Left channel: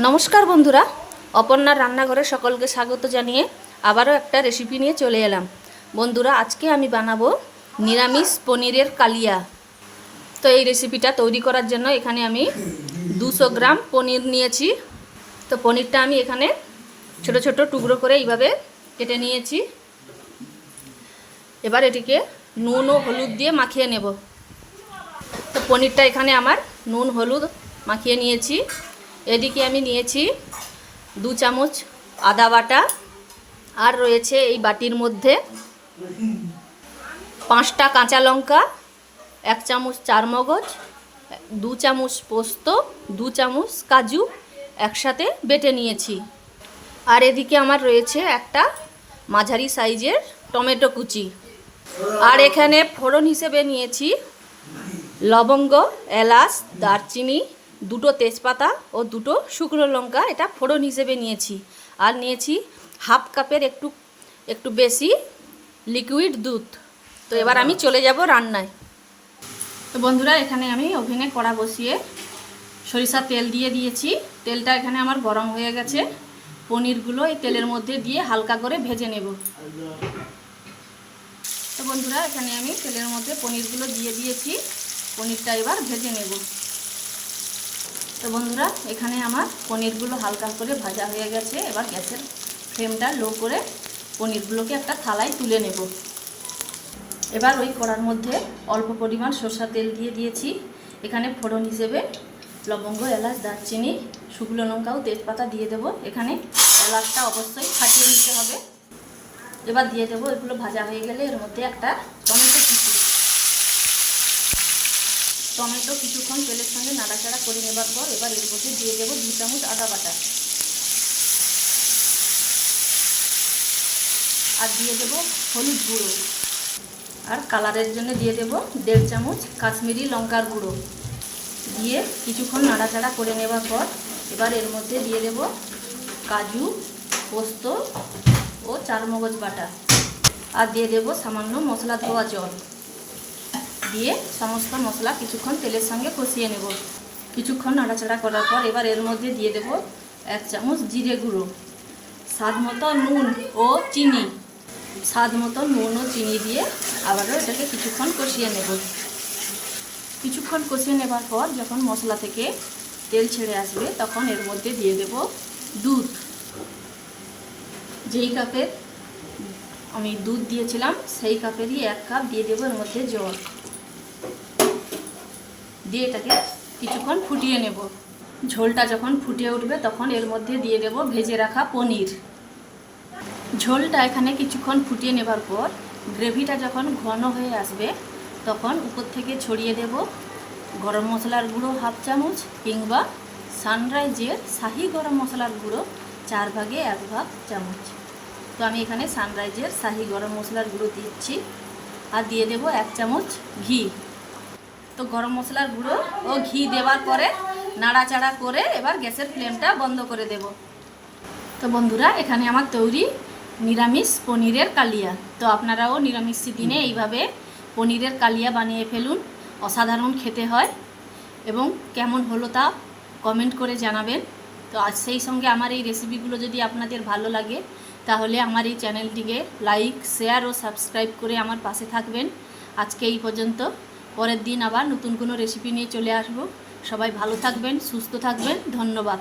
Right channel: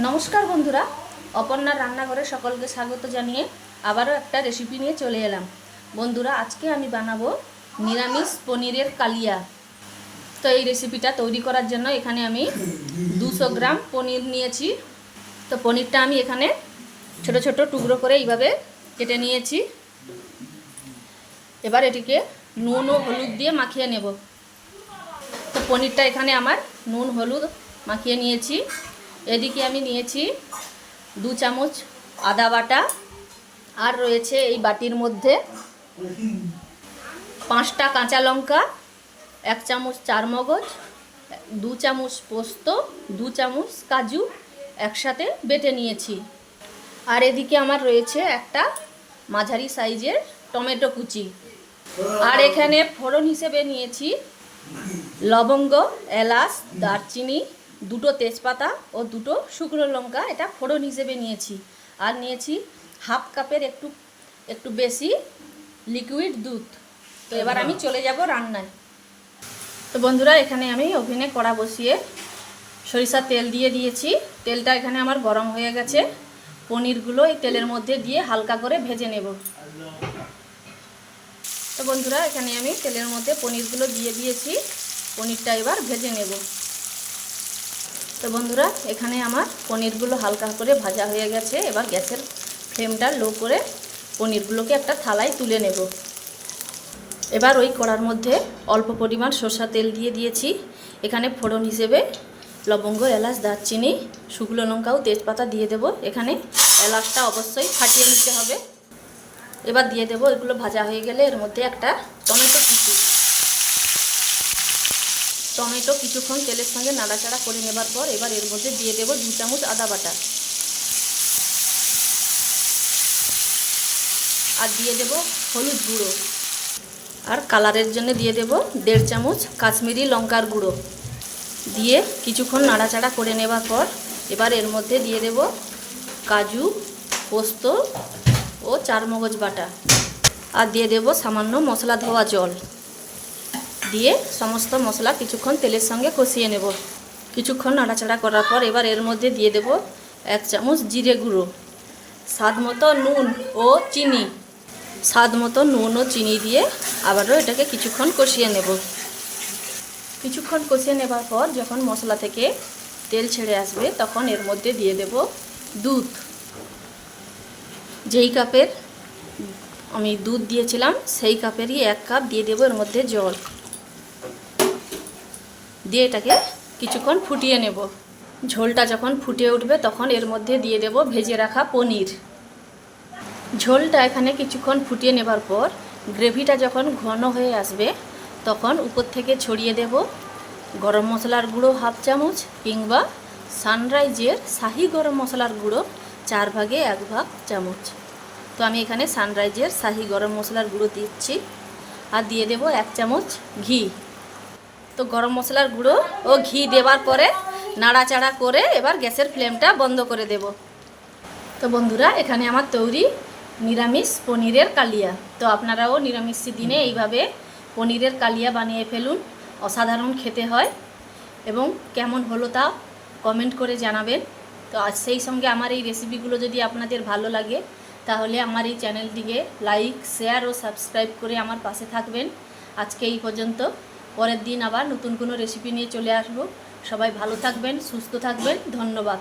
নমস্কার বন্ধুরা, অপর্ণার রান্নাঘরে সকলকে স্বাগত জানিয়ে আবারও একটা রেসিপি নিয়ে চলে এলাম। বন্ধুরা, আজকে আমি বানাবো নিরামিষ পনিরের কালিয়া। তো এই রেসিপিটা তৈরি করার জন্য এখানে আমি দুশো গ্রাম পনির নিয়েছি। তো পনিরটা আমি এখানে ছোট ছোট টুকরো করে এইভাবে কেটে নিয়েছি। এবার এটিকে নুন ও হলুদ দিয়ে মাখিয়ে নেব। তো পনিরটা এখানে আমার নুন, হলুদ মাখিয়ে নিয়েছি। এদিকে আমি নিয়েছি দু চামচ আদা বাটা, আর রয়েছে এই বাটির মধ্যে পাঁচটা কাঁচা লঙ্কা, এক চামচ চার মগজ দু চামচ পোস্ত, দু চামচ কাজু একসাথে বেটে নিয়েছি। আর এদিকে আমার রয়েছে একটা মাঝারি সাইজের টমেটো কুচি। আর এখানে ফোড়ন হিসেবে নিয়েছি লবঙ্গ, এলাচ, দারচিনি দুটো তেজপাতা ও দুটো শুকনো লঙ্কা, এটা ফোড়ন হিসেবে নিয়েছি। আর নিয়েছি হাফ কাপের একটু একটু বেশি লিকুইড দুধ। তো এবার আমি চলে যাব রান্নায়। তো বন্ধুরা, এখানে আমি ওভেনে কড়া বসিয়ে সরিষা তেল দিয়ে দিয়েছি। তেলটা এখানে আমার গরম হয়ে গেছে। পনিরগুলো এই তেলের মধ্যে দিয়ে হালকা করে ভেজে নেব। তো বন্ধুরা, এখানে আমি তেলের মধ্যে পনিরগুলো দিয়ে দিয়েছি। পনিরটা এবার ভেজে নেব। তো বন্ধুরা, এখানে আমার পনিরগুলো হালকা করে ভাজা হয়ে গেছে। এবার গ্যাসের ফ্লেমটা লো করে পনিরগুলোকে একটা থালায় তুলে নেব। এবার ওই কড়ার মধ্যে অল্প পরিমাণ সর্ষা তেল দিয়ে দিয়েছি। এখানে ফোড়ন হিসেবে লবঙ্গ, এলাচ, দারচিনি, শুকনো লঙ্কা ও তেজপাতা দিয়ে দেব। এখানে এলাচটা অবশ্যই ফাটিয়ে নিতে হবে। এবার দিয়ে দেবো, এগুলো ভাজা হয়ে গেলে এর মধ্যে একটা টমেটো কুচি। টমেটো কিছুক্ষণ তেলের সঙ্গে নাড়াচাড়া করে নেবার পর এবার এর মধ্যে দিয়ে দেবো দু চামচ আদা বাটা। আর দিয়ে দেবো হলুদ গুঁড়ো। আর কালারের জন্য দিয়ে দেবো দেড় চামচ কাশ্মীরি লঙ্কার গুঁড়ো। দিয়ে কিছুক্ষণ নাড়াচাড়া করে নেবার পর এবার এর মধ্যে দিয়ে দেব কাজু, পোস্ত ও চারমগজ বাটা। আর দিয়ে দেব সামান্য মশলা ধোয়া জল। দিয়ে সমস্ত মশলা কিছুক্ষণ তেলের সঙ্গে কষিয়ে নেব। কিছুক্ষণ নাড়াচাড়া করার পর এবার এর মধ্যে দিয়ে দেব এক চামচ জিরে গুঁড়ো, স্বাদ মতো নুন ও চিনি। স্বাদ মতো নুন ও চিনি দিয়ে আবারও এটাকে কিছুক্ষণ কষিয়ে নেব। কিছুক্ষণ কষিয়ে নেবার পর যখন মশলা থেকে তেল ছেড়ে আসবে, তখন এর মধ্যে দিয়ে দেব দুধ। যেই কাপের আমি দুধ দিয়েছিলাম, সেই কাপেরই এক কাপ দিয়ে দেবো এর মধ্যে জল। দিয়ে এটাকে কিছুক্ষণ ফুটিয়ে নেব। ঝোলটা যখন ফুটিয়ে উঠবে তখন এর মধ্যে দিয়ে দেব ভেজে রাখা পনির। ঝোলটা এখানে কিছুক্ষণ ফুটিয়ে নেবার পর গ্রেভিটা যখন ঘন হয়ে আসবে তখন উপর থেকে ছড়িয়ে দেব গরম মশলার গুঁড়ো হাফ চামচ কিংবা সানরাইজের শাহি গরম মশলার গুঁড়ো চার ভাগে এক ভাগ চামচ। তো আমি এখানে সানরাইজের শাহি গরম মশলার গুঁড়ো দিচ্ছি। আর দিয়ে দেব এক চামচ ঘি। তো গরম মশলার গুঁড়ো ও ঘি দেওয়ার পরে নাড়াচাড়া করে এবার গ্যাসের ফ্লেমটা বন্ধ করে দেব। তো বন্ধুরা, এখানে আমার তৈরি নিরামিষ পনিরের কালিয়া। তো আপনারাও নিরামিষ দিনে এইভাবে পনিরের কালিয়া বানিয়ে ফেলুন, অসাধারণ খেতে হয় এবং কেমন হলো তা কমেন্ট করে জানাবেন। তো আজ সেই সঙ্গে আমার এই রেসিপিগুলো যদি আপনাদের ভালো লাগে, তাহলে আমার এই চ্যানেলটিকে লাইক, শেয়ার ও সাবস্ক্রাইব করে আমার পাশে থাকবেন। আজকে এই পর্যন্ত। পরের দিন আবার নতুন কোনো রেসিপি নিয়ে চলে আসব। সবাই ভালো থাকবেন, সুস্থ থাকবেন, ধন্যবাদ।